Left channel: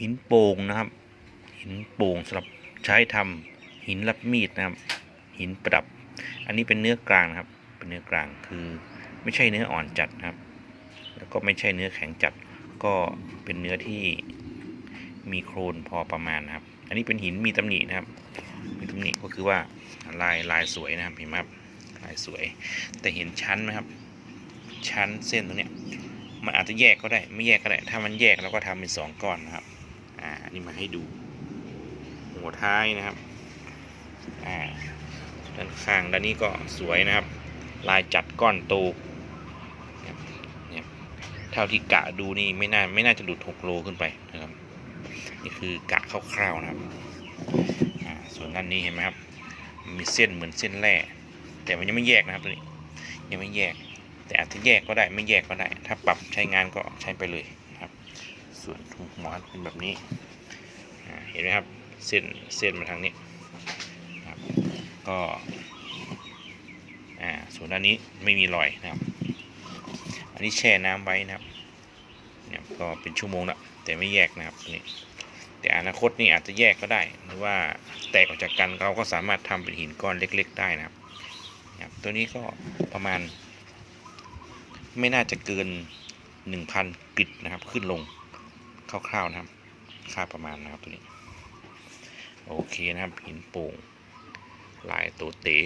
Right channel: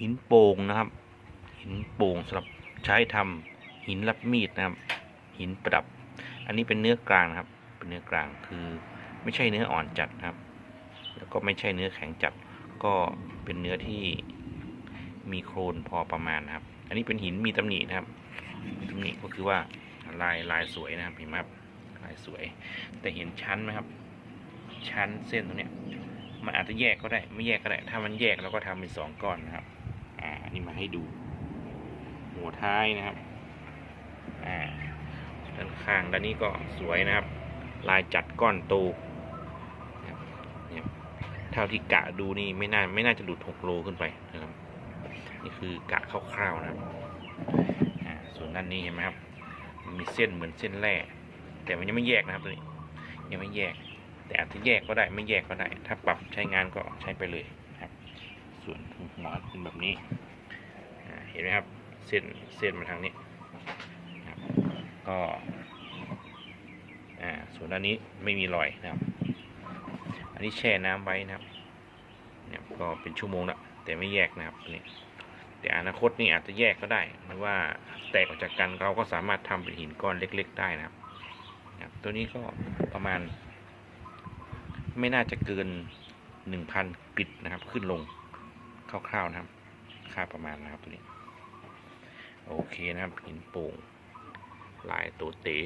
หินโป่งนะครับ หินโป่งสำหรับใช้ทำหินรับมีดนะครับ หินประดับ อันนี้เป็นเนื้อกลางนะครับ เป็นเนื้อกลางคือไม่ใช่เนื้ออ่อนจัดนะครับ แล้วก็ไม่ใช่เนื้อแข็งจัด ก็เป็นเนื้อที่มีโครนพอประมาณนะครับ อันนี้เป็นหินมีตำหนินะครับ มีตำหนิก็คือว่าลายลายสวยนะครับเห็นไหมครับลายสวย แต่เห็นชั้นไหมครับ ชั้นเส้นตรงเนี้ยมันอาจจะแยกก็ได้ไม่แยกก็ได้ ถ้ามันแยกเราก็ทำเป็นสองก้อนนะครับ อ่านนี้มาให้ดู หัวท้ายนะครับอ่าด้านข้างด้านนี้ก็สวยนะครับ ลายจัดก้อนโตนะครับเนี่ยเท่าที่กะดูนี่ไม่น่าไม่น่าจะหลุด6โลขึ้นไปนะครับนี่คือกะคร่าวๆนะครับอ่าส่วนด้านนี้เห็นไหมครับ มีเส้นเหมือนเส้นแร่แต่มันยังไม่แยกนะครับตัวนี้ยังไม่แยก แต่อาจจะแยกก็ได้ไม่แยกก็ได้ ถ้าปรับใช้งานก็ใช้ไปเลย ส่วนหัวเป็นแบบนี้ เห็นไหมครับ เส้นเส้นมาทางนี้นะครับก็อ่าส่วนด้านนี้ไม่มีรอยนะครับ อันนี้แช่น้ำไว้นะครับเนี่ยก็เป็นชั่วโมงล้วแต่ไม่แยกนะครับนี้แต่อนาคตนี่อาจจะแยกก็ได้หรือว่าแตกออกจากกันเราก็สามารถทำเป็นหินก้อนเล็ก ๆ ได้นะครับนะครับตัวนี้ก็ประมาณ ไม่น่าจะเกิน 1,000กริดนะครับขึ้นลง คร่าวๆนะครับ ค่าประมาณนะครับตัวนี้ โอเคนะครับหินปูงลายโตเต๋